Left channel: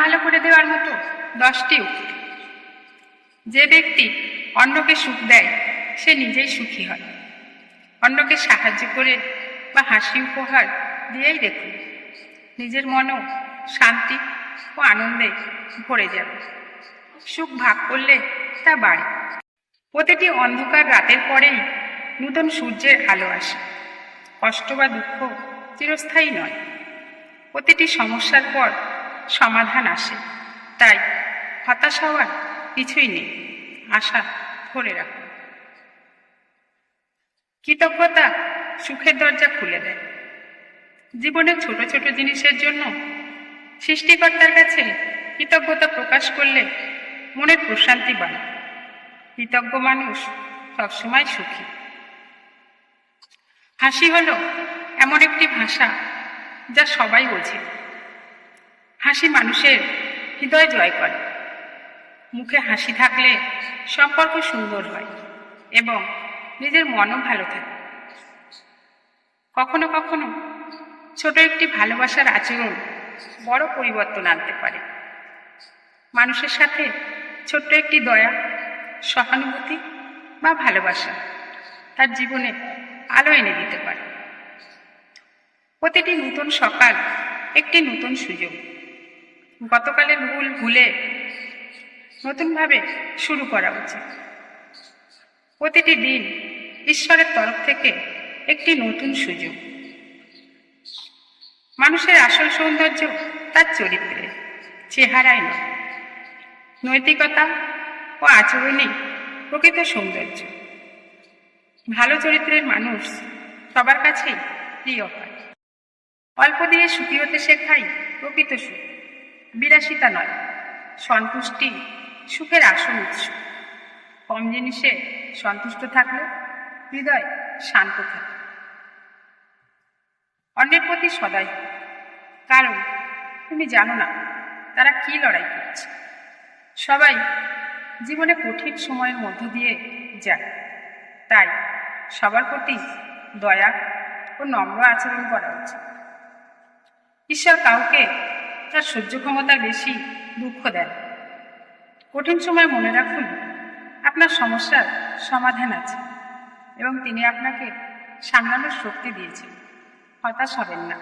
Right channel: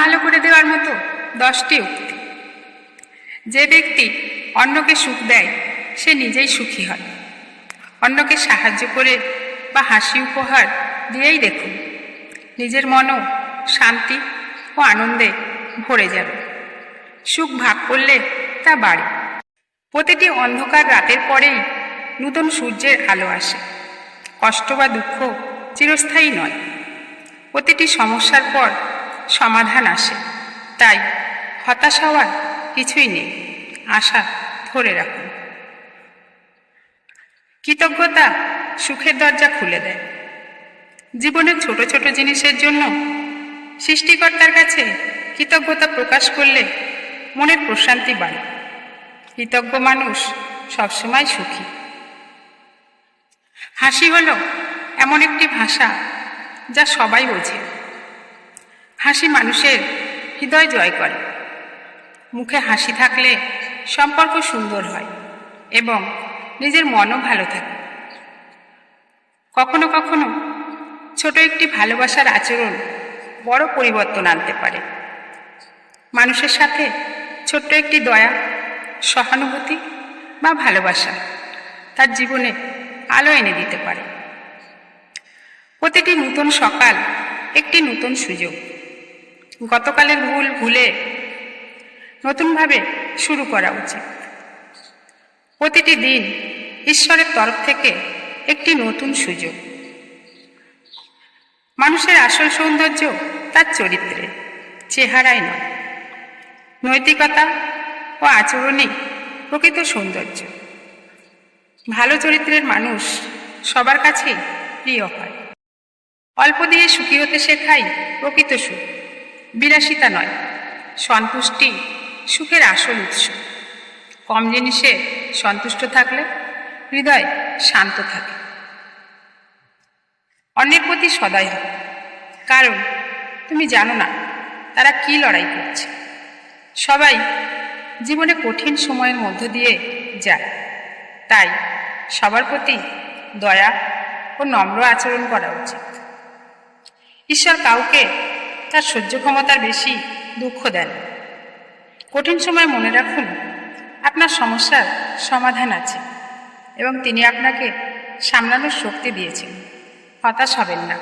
ভালো করে দেওয়ার মতো 10টি উক্তি। যে ব্যক্তি অন্যকে সুখ দেয় সে নিজেই সুখী হয়। অন্যকে সাহায্য করে বা হাসি উপহার দিয়েই দেখুন, নিজের মনও শান্তি ও আনন্দে ভরে যাবে। সুখ ভাগ করলে তা বাড়ে। প্রতিটি অন্ধকার রাতের পরেই নতুন সূর্যের আলো আসে। কষ্ট বা দুঃখ চিরস্থায়ী নয়। প্রতিটি সমস্যার পর সমাধান আসে। তাই হতাশ হওয়ার কিছুই নেই, আশা ধরে রাখুন। কৃতজ্ঞতা সুখের দরজা খুলে দেয়। জীবনের ছোট ছোট জিনিসের জন্য সৃষ্টিকর্তার কাছে কৃতজ্ঞতা প্রকাশ করলে মনের প্রশান্তি বাড়ে। কৃতজ্ঞ মানুষ সবসময় সুখী। হাসি হলো এমন একটি ভাষা যা সবাই বোঝে। হাসি মানুষের হৃদয় জয় করে। মুখে হাসি থাকলে সম্পর্ক সুন্দর হয় এবং নিজের মনও ভালো থাকে। কখনো কখনো ছোট একটি ভালোবাসার আচরণ বড় পরিবর্তন আনতে পারে। মানুষের সাথে ছোট্ট একটি দয়া, সহানুভূতি বা ভালোবাসা তার জীবনে আলো এনে দিতে পারে। প্রতিটি নতুন সকাল একটি নতুন সুযোগ। গতকালের ভুল ভুলে নতুনভাবে শুরু করা উচিত। প্রতিটি দিন ঈশ্বরের তরফ থেকে একটি নতুন সুযোগ। মানুষের আসল সৌন্দর্য তার চরিত্রে, চেহারায় নয়। নৈতিকতা ও আচরণই প্রকৃত সৌন্দর্য। ভালো চরিত্রের মানুষ সবার কাছেই প্রিয় হয়। অল্প দিয়ে সুখী হতে শেখাই প্রকৃত সুখ, বিলাসিতা নয়। সন্তুষ্টি সুখের আসল উৎস। কম জিনিসে সন্তুষ্ট থাকলে হৃদয় শান্ত থাকে। অন্যের প্রতি সদয় হয়, কারণ তুমি জানো না তারা কি লড়াই করছে। সবাই জীবনে কঠিন সময়ের মধ্য দিয়ে যায়, তাই সবার প্রতি দয়া ও নম্র আচরণ করা উচিত। ঈশ্বর কাউকে তার সহ্য ক্ষমতার বেশি দুঃখ দেন। কঠিন সময় মনে রাখুন, আপনার সমস্যার সমাধান আছে এবং তিনি আপনাকে সামলানোর শক্তি দিয়েছেন। হতাশ হবেন না।